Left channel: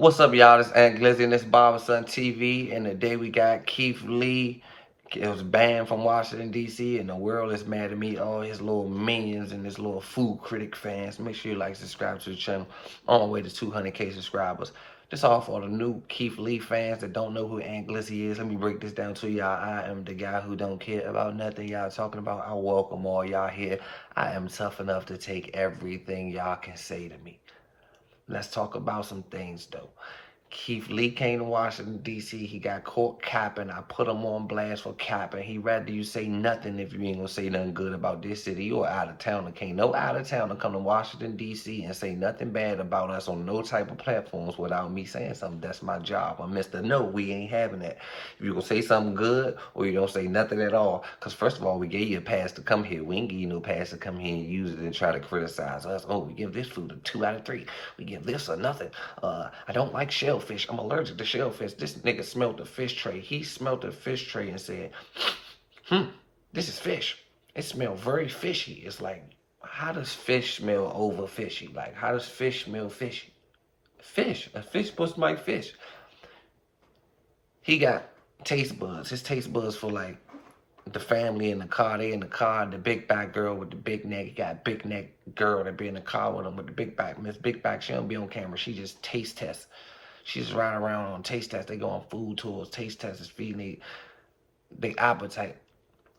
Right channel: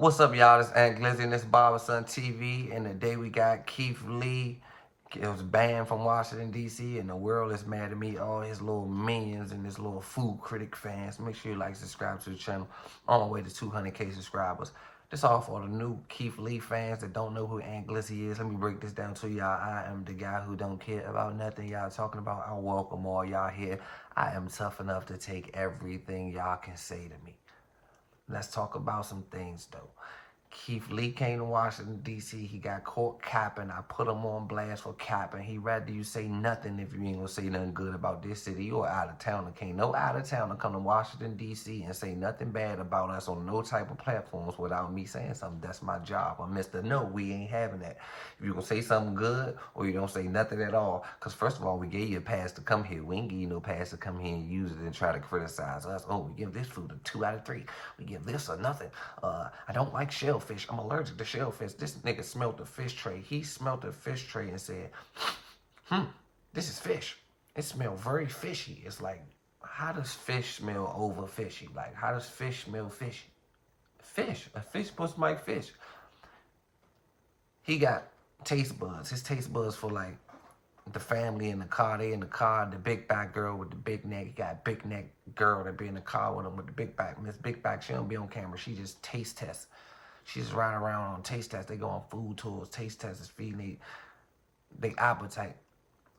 What's up, y'all? This Aunt Glizzy and this Barberson TV. And today we got Keith Lee. It was banned from Washington, D.C. And the world is mad at me. All his little minions and his little food critic fans. Make sure you like, subscribe to the channel. On our way to 200K subscribers. This all for the new Keith Lee fans that don't know who Aunt Glizzy is. Let me break this down to y'all. I am the guy who don't care about nothing y'all talking about. I welcome all y'all here. I am tough enough to take everything y'all can say to me. Let's talk about some things, though. Keith Lee came to Washington, D.C. He got caught capping. I put him on blast for capping. He rather you say nothing if you ain't going to say nothing good about this city. You're out of town. Can't no out of town to come to Washington, D.C. and say nothing bad about us on no type of platforms without me saying something. That's my job. I'm Mr. No, we ain't having that. If you're going to say something good or you don't say nothing at all, because first of all, we gave you a pass to come here. We ain't give you no pass to come here and use it and try to criticize us. Oh, we give this food a 2 out of 3. We give this a nothing. I don't like shellfish. I'm allergic to shellfish. This nigga smelled the fish tray. He smelled the fish tray and said, this is fish. It smells very fishy. It's like, how does fish smell over fishy? Like, how does fish smell fishy? Fish. A fish supposed to like fish. He got taste buds. His taste buds for like the family in the car. They in the car. The big back girl with the big neck. He got a big neck girl that be in the car with him with the big back. Miss Big Back, she don't be on camera. She just taste tests. She just riding around on taste tests. They go on food tours. Taste tests is feeding they appetite.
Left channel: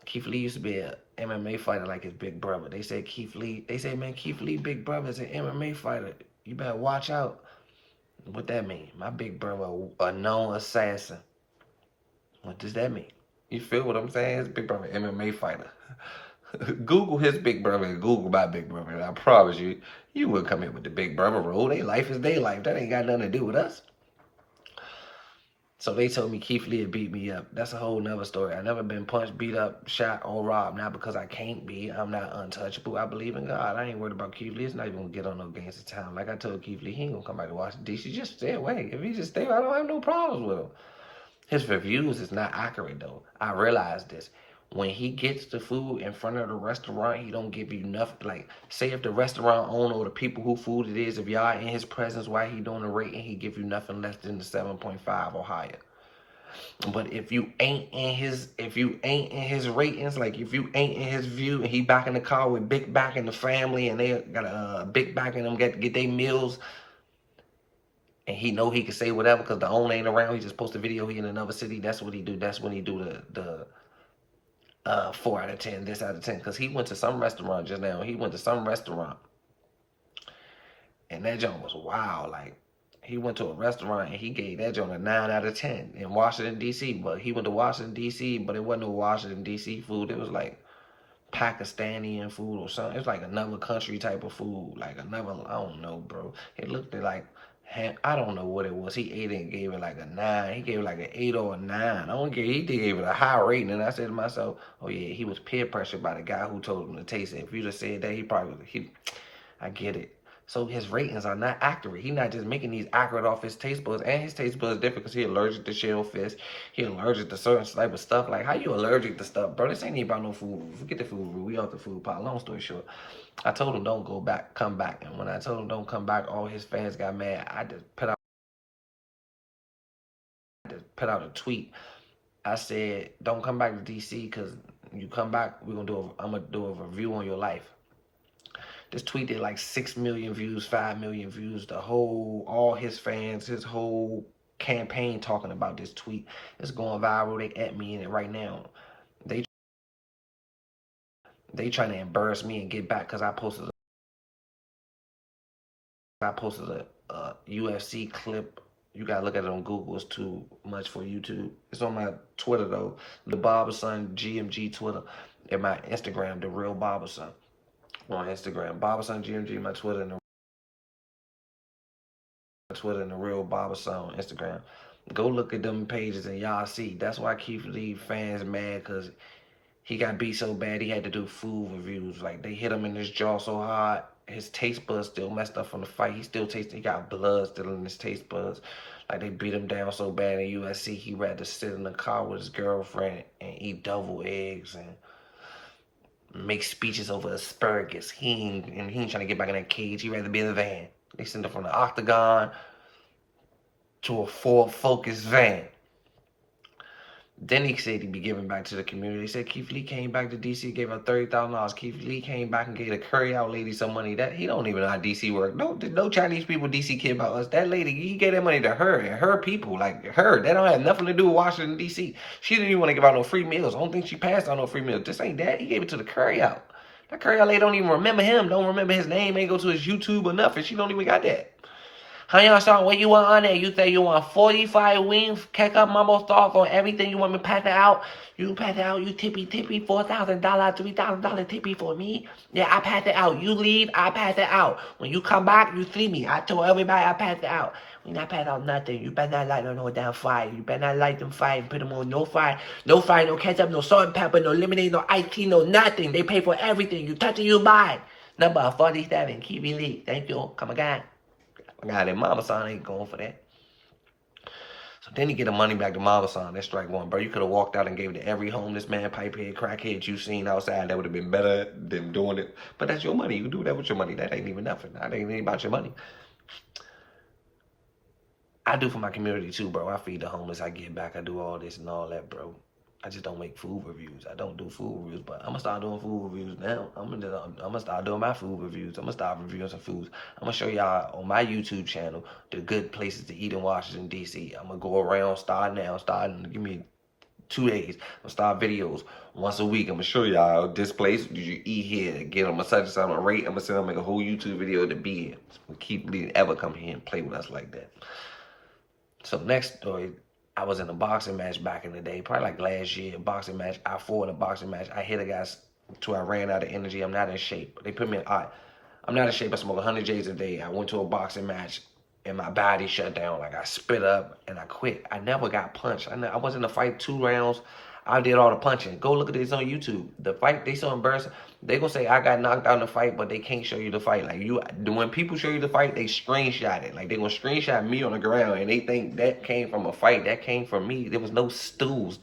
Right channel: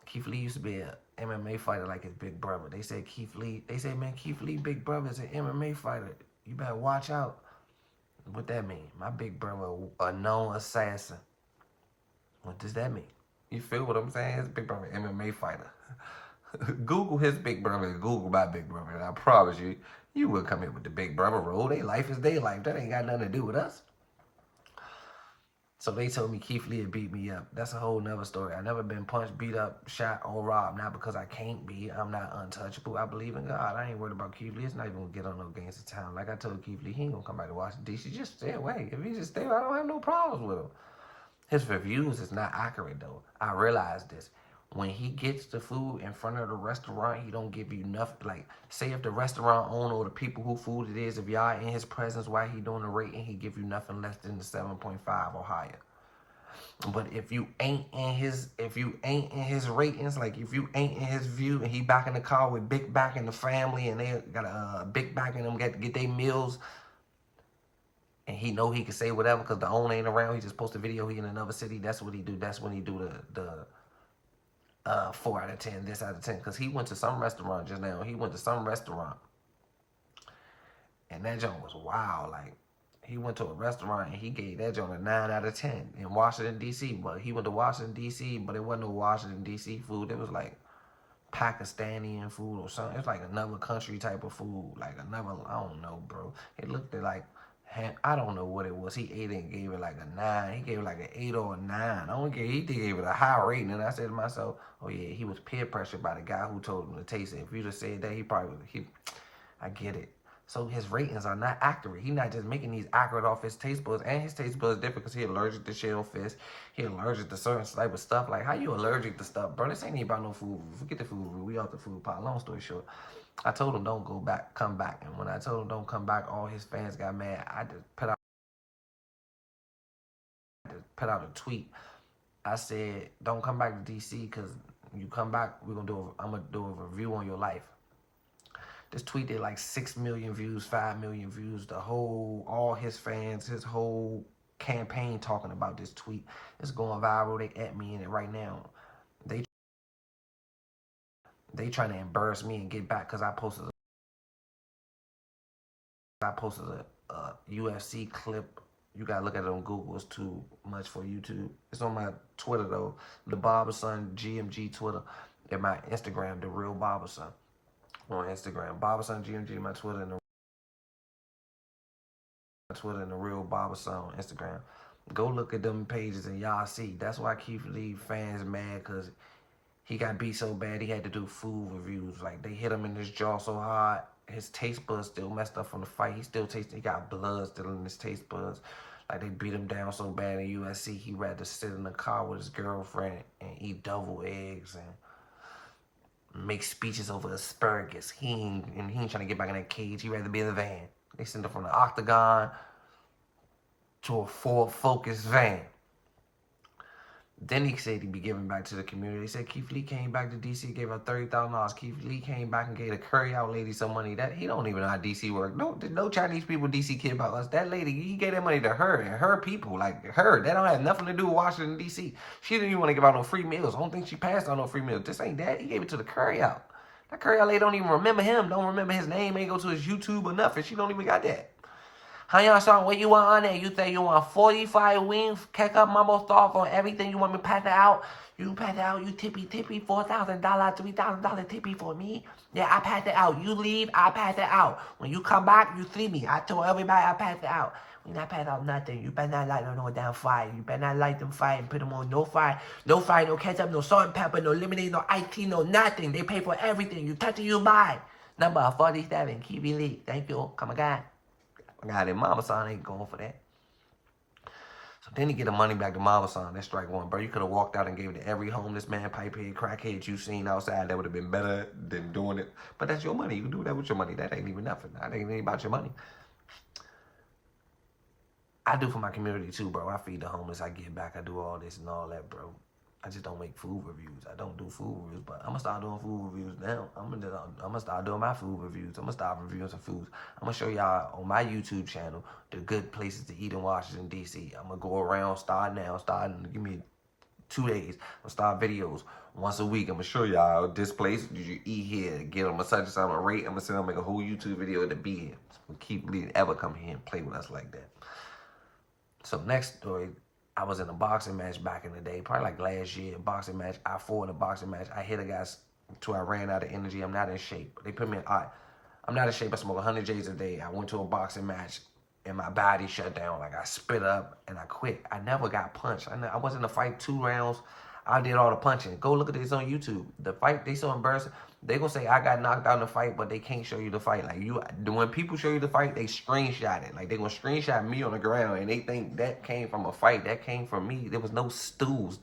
Keith Lee used to be an MMA fighter like his big brother. They said Keith Lee. They said, man, Keith Lee big brother is an MMA fighter. You better watch out. What that mean? My big brother a known assassin. What does that mean? You feel what I'm saying? His big brother MMA fighter. Google his big brother and Google my big brother. And I promise you, you wouldn't come here with the big brother rule. Their life is their life. That ain't got nothing to do with us. So they told me Keith Lee had beat me up. That's a whole nother story. I never been punched, beat up, shot, or robbed. Not because I can't be. I'm not untouchable. I believe in God. I ain't worried about Keith Lee. It's not even going to get on no gangster town. Like I told Keith Lee, he ain't going to come back to Washington, D.C. Just stay away. If he just stay away, I don't have no problems with him. His reviews is not accurate, though. I realize this. When he gets the food in front of the restaurant, he don't give you nothing. Like, say if the restaurant owner or the people who food it is, if y'all in his presence while he doing the rating, he give you nothing less than the 7.5 or higher. But if you ain't in his ratings, like if you ain't in his view and he back in the car with Big Back and the family and they got a Big Back and them get their meals and he know he can say whatever because the owner ain't around, he just post a video, he in another city, that's what he do. That's when he do the 4 out of 10, this out of 10. Because he went to some restaurant just now. He went to some restaurant and that joint was wild. Like, he went to a restaurant and he gave that joint a 9 out of 10 in Washington, D.C. But he went to Washington, D.C., but it wasn't no Washington, D.C. food. It was like Pakistani food or something. It was like another country type of food. Like another, I don't know, bro. It looked like, I don't know what it was. He ate it and gave it like a 9. He gave it like an 8 or a 9. He gave it a high rating. And I said to myself, oh yeah, he was peer pressured by the guy who told him to taste it. If you just said that, he probably would, I get it. So his ratings are not accurate. He's not just making these accurate off his taste buds. And his taste buds different because he allergic to shellfish. He allergic to certain type of stuff. Like, how you allergic to stuff, bro? This ain't even about no food. Forget the food. We off the food pot. Long story short, I told him don't go back, come back. And when I told him don't come back, all his fans got mad. I just put out a tweet. I said, don't come back to D.C. because you come back, I'm going to do a review on your life. This tweet did like 6 million views, 5 million views. All his fans, his whole campaign talking about this tweet. It's going viral. They at me in it right now. They trying to embarrass me and get back because I posted a UFC clip. You gotta look at it on Google. It's too much for YouTube. It's on my Twitter though. The Barberson GMG Twitter. And my Instagram, The Real Barberson. On Instagram. Barberson GMG, my Twitter, and The Real Barberson on Instagram. Go look at them pages and y'all see. That's why Keith Lee fans mad because he got beat so bad he had to do food reviews. Like, they hit him in his jaw so hard, his taste buds still messed up from the fight. He got blood still in his taste buds. Like, they beat him down so bad in USC, he rather sit in the car with his girlfriend and eat double eggs and make speeches over asparagus. He ain't trying to get back in that cage. He'd rather be in the van. They sent him from the octagon to a Ford Focus van. Then he said he'd be giving back to the community. He said Keith Lee came back to DC, gave her $30,000. Keith Lee came back and gave the curry out lady some money. That he don't even know how DC work. No Chinese people DC care about us. That lady, he gave that money to her and her people, like her. That don't have nothing to do with Washington DC. She didn't even want to give out no free meals. I don't think she passed out no free meals. This ain't that. He gave it to the curry out. That curry out lady don't even remember him. Don't remember his name. Ain't go to his YouTube or nothing. She don't even got that. How y'all song? What you want on there? You say you want 45 wings, ketchup, mumbo sauce on everything. You want me to pass it out? You pass it out. You tippy, $4,000, $3,000 tippy for me. Yeah, I pass it out. You leave, I pass it out. When you come back, you see me. I told everybody I pass it out. We not pass out nothing. You better not light no damn fire. You better not light them fire and put them on no fire. No fire, no ketchup, no salt and pepper, no lemonade, no iced tea, no nothing. They pay for everything. You touch it, you buy. Number 47, Keith Lee. Thank you. Come again. I got it. Mama son ain't going for that. So then he get the money back to Mama son. That's strike one, bro. You could have walked out and gave it to every homeless man, pipehead, crackhead you seen outside. That would have been better than doing it. But that's your money. You can do that with your money. That ain't even nothing. That ain't even about your money. I do for my community too, bro. I feed the homeless. I give back. I do all this and all that, bro. I just don't make food reviews. I don't do food reviews, but I'm gonna start doing food reviews now. I'm gonna start doing my food reviews. I'm gonna start reviewing some foods. I'm gonna show y'all on my YouTube channel the good places to eat in Washington D.C. I'm gonna go around, starting. Give me 2 days. I'm gonna start videos once a week. I'm gonna show y'all this place. Did you eat here? Get them a such and such. I'm gonna rate. I'm gonna send them make a whole YouTube video to be in. So keep leading ever come here and play with us like that. So next story. I was in a boxing match back in the day, probably like last year, boxing match. I fought in a boxing match. I hit a guy till I ran out of energy. I'm not in shape. They put me in, I'm not in shape. I smoke 100 J's a day. I went to a boxing match and my body shut down. Like I spit up and I quit. I never got punched. I was in a fight 2 rounds. I did all the punching. Go look at this on YouTube. The fight, they so embarrassing. They gonna say I got knocked out in the fight, but they can't show you the fight. Like when people show you the fight, they screenshot it. Like they gonna screenshot me on the ground, and they think that came from a fight. That came from me. There was no stools.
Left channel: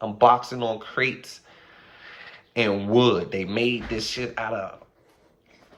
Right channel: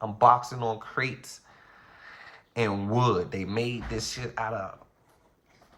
I'm boxing on crates and wood. They made this shit out of.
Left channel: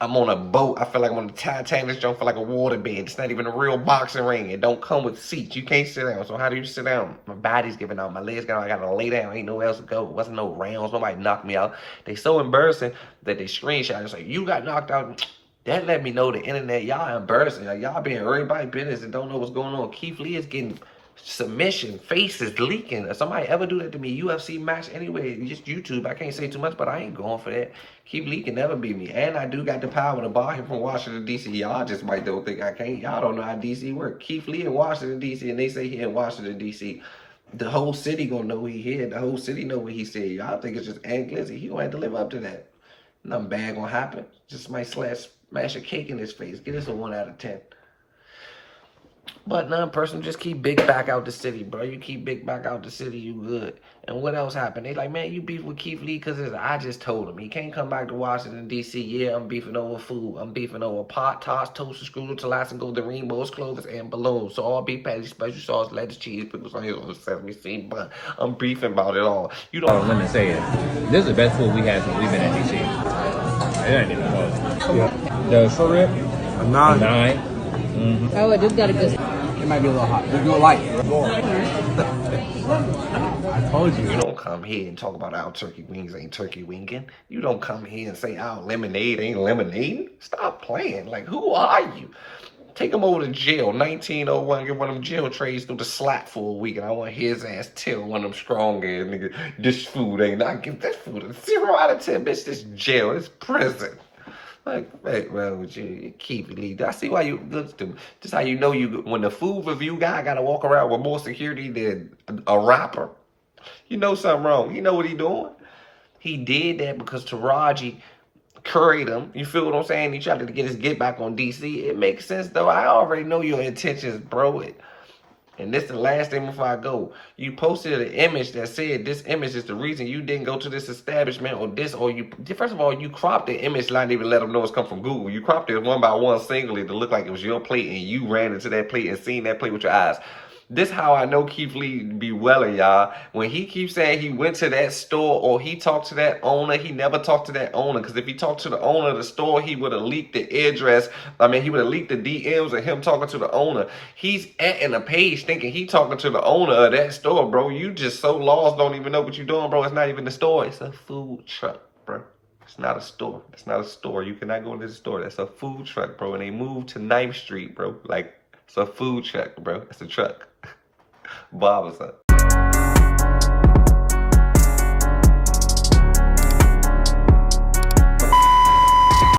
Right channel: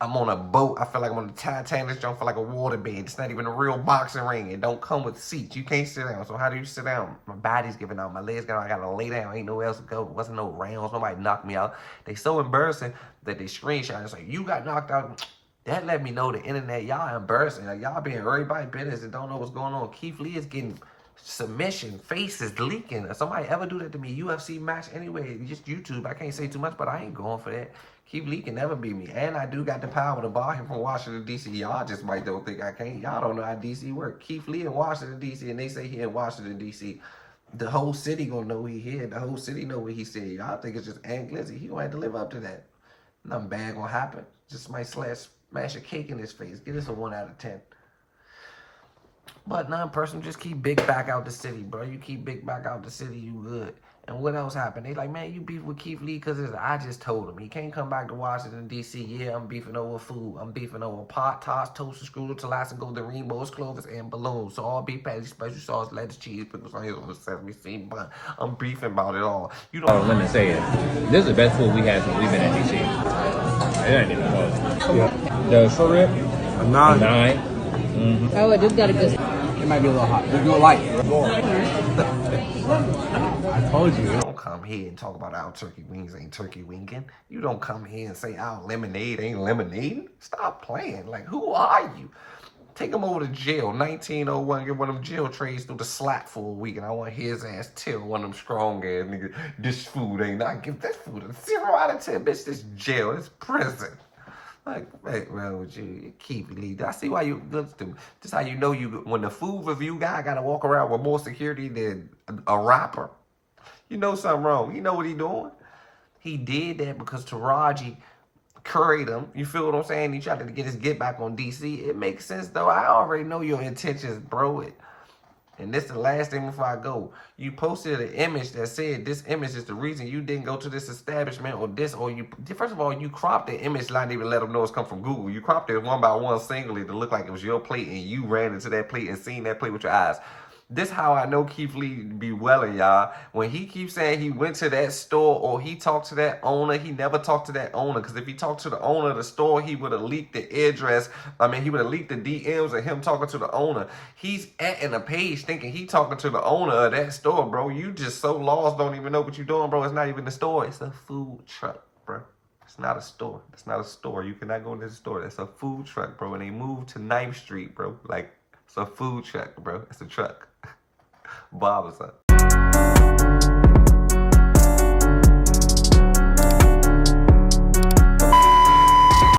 I'm on a boat. I feel like I'm on the Titanic. Jump for like a waterbed. It's not even a real boxing ring. It don't come with seats. You can't sit down. So how do you sit down? My body's giving out. My legs giving out. I gotta lay down. Ain't nowhere else to go. Wasn't no rounds. Nobody knocked me out. They so embarrassing that they screenshot. It's like, you got knocked out. That let me know the internet, y'all embarrassing. Like y'all being everybody business and don't know what's going on. Keith Lee is getting submission, faces leaking. If somebody ever do that to me, UFC match anyway, just YouTube. I can't say too much, but I ain't going for that. Keith Lee can never beat me. And I do got the power to bar him from Washington, D.C. Y'all just might don't think I can't. Y'all don't know how D.C. work. Keith Lee in Washington, D.C., and they say he in Washington, D.C. The whole city gonna know he here. The whole city know what he said. Y'all think it's just Ant Glizzy. He gonna have to live up to that. Nothing bad gonna happen. Just might smash a cake in his face. Get us a 1 out of 10. But non-personal, just keep big back out the city, bro. You keep big back out the city, you good. And what else happened? They like, man, you beef with Keith Lee because I just told him. He can't come back to Washington, D.C. Yeah, I'm beefing over food. I'm beefing over pot, toss, toasted, screwed, Tabasco, golden rainbows, clovers, and balloons. So all beef patties, special sauce, lettuce, cheese, pickles, onions, on the sesame seed bun. I'm beefing about it all. You don't let me say it. This is the best food we had since we've been in D.C. It ain't even close. Yeah. The short rib, a 9. Mm-hmm. Oh, it just got a good. It might be a little hot. Just do it light. I told you. You don't come here and talk about our turkey wings ain't turkey winging. You don't come here and say our lemonade ain't lemonade. Stop playing. Like, who are you? Take him over to jail. 1901, get one of them jail trays through the slap for a week, and I want his ass tell one of them strong ass niggas, this food ain't. I give that food a 0 out of 10. Bitch, this jail, this prison. Like, hey, well, you keep it, Lee. I see why you look to me. Just how you know when the food review guy got to walk around with more security than a rapper. You know something wrong. You know what he doing. He did that because Taraji curried him. You feel what I'm saying? He tried to get his get back on DC. It makes sense, though. I already know your intentions, bro. And this is the last thing before I go. You posted an image that said this image is the reason you didn't go to this establishment or you. First of all, you cropped the image line, even let them know it's come from Google. You cropped it one by one singly to look like it was your plate and you ran into that plate and seen that plate with your eyes. This how I know Keith Lee be welling, y'all. When he keeps saying he went to that store or he talked to that owner, he never talked to that owner. Because if he talked to the owner of the store, he would have leaked the address. He would have leaked the DMs of him talking to the owner. He's in a page thinking he talking to the owner of that store, bro. You just so lost, don't even know what you're doing, bro. It's not even the store. It's a food truck, bro. It's not a store. It's not a store. You cannot go into the store. That's a food truck, bro. And they moved to 9th Street, bro. Like, it's a food truck, bro. It's a truck. Bob was up.